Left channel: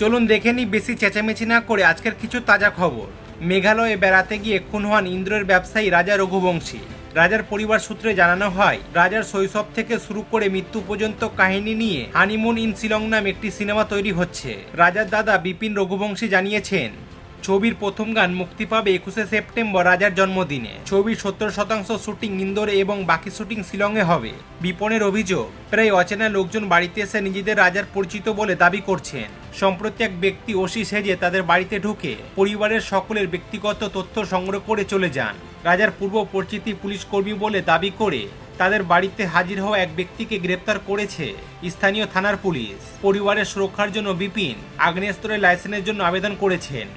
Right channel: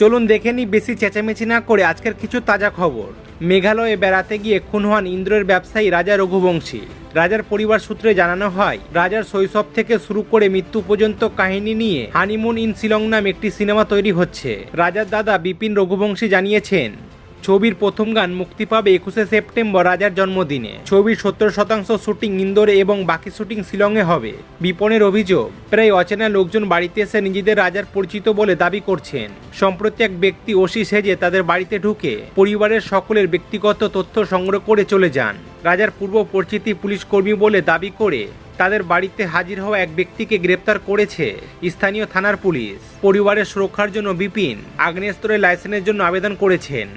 চলুন দেখে নিই বেশি চেঁচামেচি না করে আজকের কিছু তাজা খবর। মেঘালয়ে বেড়াতে গিয়ে খুন হন ইন্দ্রের ব্যবসায়ী রাজা রঘুবংশী। রাজার পরিবার সূত্রে জানানো হয়, রাজার শৈশব থেকে শুরু করে মৃত্যু পর্যন্ত কাহিনী নিয়ে হানিমুন ইন শিলং নাম একটি সিনেমা তৈরি হচ্ছে। রাজার দাদা বিপিন রঘুবংশী জানিয়েছেন, ছবির প্রথম গান মুক্তি পাবে 21শে সেপ্টেম্বর রাজার জন্মদিনে। ছবির 70% শুটিং ইন্দোরে এবং বাকি শুটিং শিলংয়ে হবে। বিপনের অভিযোগ, প্রায় অচেনা লোকজন বাড়িতে এসে নিজেদের রাজার পরিচিত বলে দাবি করছেন। সম্প্রতি এক ব্যক্তি ওসি সেজে তাদের বাড়িতে ঢুকে পরিবারের সকলের ব্যক্তিগত তথ্য সংগ্রহ করে চলে যান। রাজার পূর্ব পরিচিতি পুলিশ কর্মী বলে দাবি করে তাদের বাড়িতে হাজির হওয়া এক ব্যক্তিকে গ্রেপ্তার করেছে স্থানীয় থানার পুলিশ। পরিবারের সুরক্ষার জন্য বিপিন আগ্নেয়াস্ত্রের লাইসেন্সের জন্য আবেদন করেছেন।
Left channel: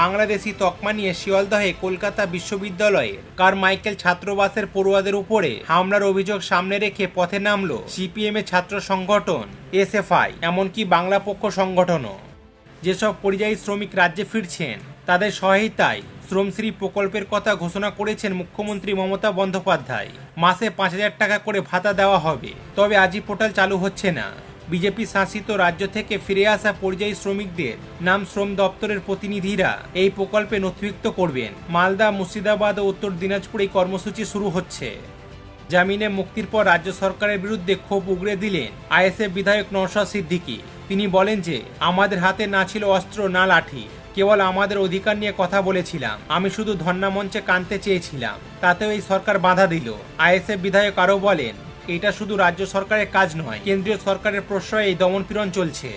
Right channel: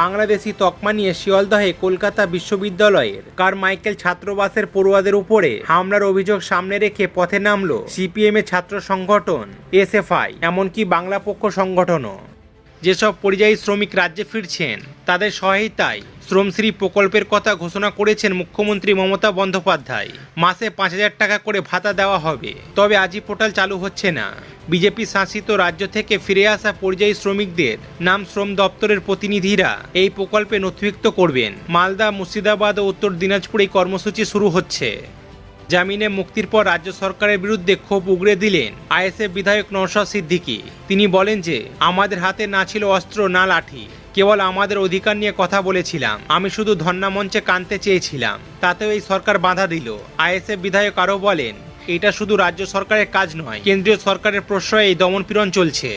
বাংলাদেশি তকমা নিয়ে শিয়ালদহে কলকাতা বিশ্ববিদ্যালয়ের কারমাইকেল ছাত্রবাসের পড়ুয়াদের উপরে হামলার অভিযোগ সামনে রেখে পথে নামল সিপিএম এর ছাত্র সংগঠন এসএফআই, এমনকি বাংলা পক্ষ সংগঠনও। যেসব পরিযায়ী শ্রমিক রাজ্যে ফিরছেন তাদের সহায়তায় শ্রমশ্রী প্রকল্পের কথা ঘোষণা করেছেন মুখ্যমন্ত্রী মমতা বন্দ্যোপাধ্যায়। মাসে 5,000 টাকা করে ভাতা দেওয়া হবে, তবে আজই পোর্টাল চালু হচ্ছে না। বিজেপি শাসিত রাজ্য থেকে ফিরে আসা পরিযায়ী শ্রমিকদের নাম শ্রম দপ্তরের প্রতিনিধিরা এই প্রকল্পে নথিভুক্ত করবেন। মালদা, মুর্শিদাবাদ ও উত্তর দিনাজপুরে এই কর্মসূচি শুরু হচ্ছে। জামিনে মুক্তির পর রাজ্য সরকারের বিরুদ্ধে ক্ষোভ উগরে দিলেন আইএসএফ বিধায়ক নওশাদ সিদ্দিকী। তিনি বলেন যে, আমাদের হাতে না ছিল অস্ত্র না লাঠি, কেবল আমাদের অধিকার নিয়ে কথা বলেছিলাম। আমি শুধু ধর্ণা মঞ্চে কাঁদতে চেয়েছিলাম, তাতেও এই সরকার বাধা দিল। আইএসএফ বিধায়ক আরও বলেন, এটা শুধু রাজ্য সরকারের কাজ নয়, কেন্দ্রীয় সরকারের প্রশ্রয়ে এই দমনপীড়ন চলছে।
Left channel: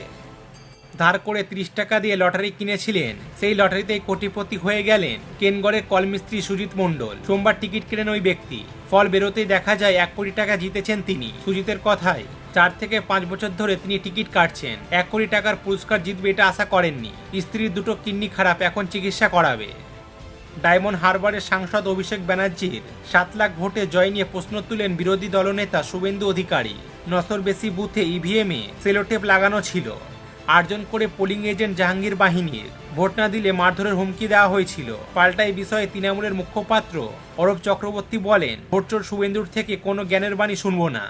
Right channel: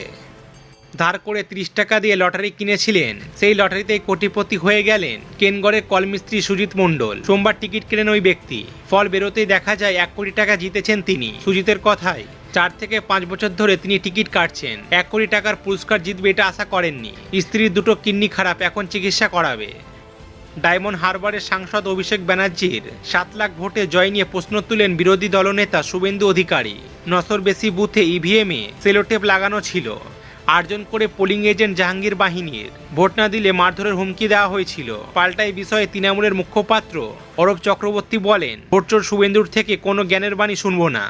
ধার করে 30 টাকা দিয়ে লটারি কিনেছিলেন, সেই লটারিতেই কোটিপতি হয়ে গেলেন কেনগড়ের কলমিস্ত্রি সুজিত মণ্ডল। সোমবার টিকিট কেনেন ওই ব্যক্তি, ফল বেরোতেই দেখা যায় 1 কোটি টাকা জিতেছেন তিনি। সুজিতের কথায় 4 থেকে 5 বছর ধরে তিনি টিকিট কাটছেন। 1 কোটি টাকার পুরস্কার জিতবে এটা আশা করেননি। স্ত্রীর দুটো কিডনি খারাপ, এখন চিকিৎসা করাবে। ডায়মন্ড হারবারের সাংসদ অভিষেক ব্যানার্জির 7 লাখ ভোটে জয় নিয়ে প্রশ্ন তুলেন বিরোধী দলনেতা শুভেন্দু অধিকারী। 900-র বেশি বুথে ইভিএমে সেলোটেপ লাগানো ছিল। 8 জন করে পোলিং এজেন্ট জাহাঙ্গীর বাহিনীর, ভোট না দিলে মারধরের হুমকি দেওয়া হয়েছিল। পাল্টা এই বিষয়ে তৃণমূলের মুখপাত্র অরূপ চক্রবর্তী বলেন, ভোটচোর শুভেন্দুর থেকে কোনো জ্ঞানের বাণী শুনব না।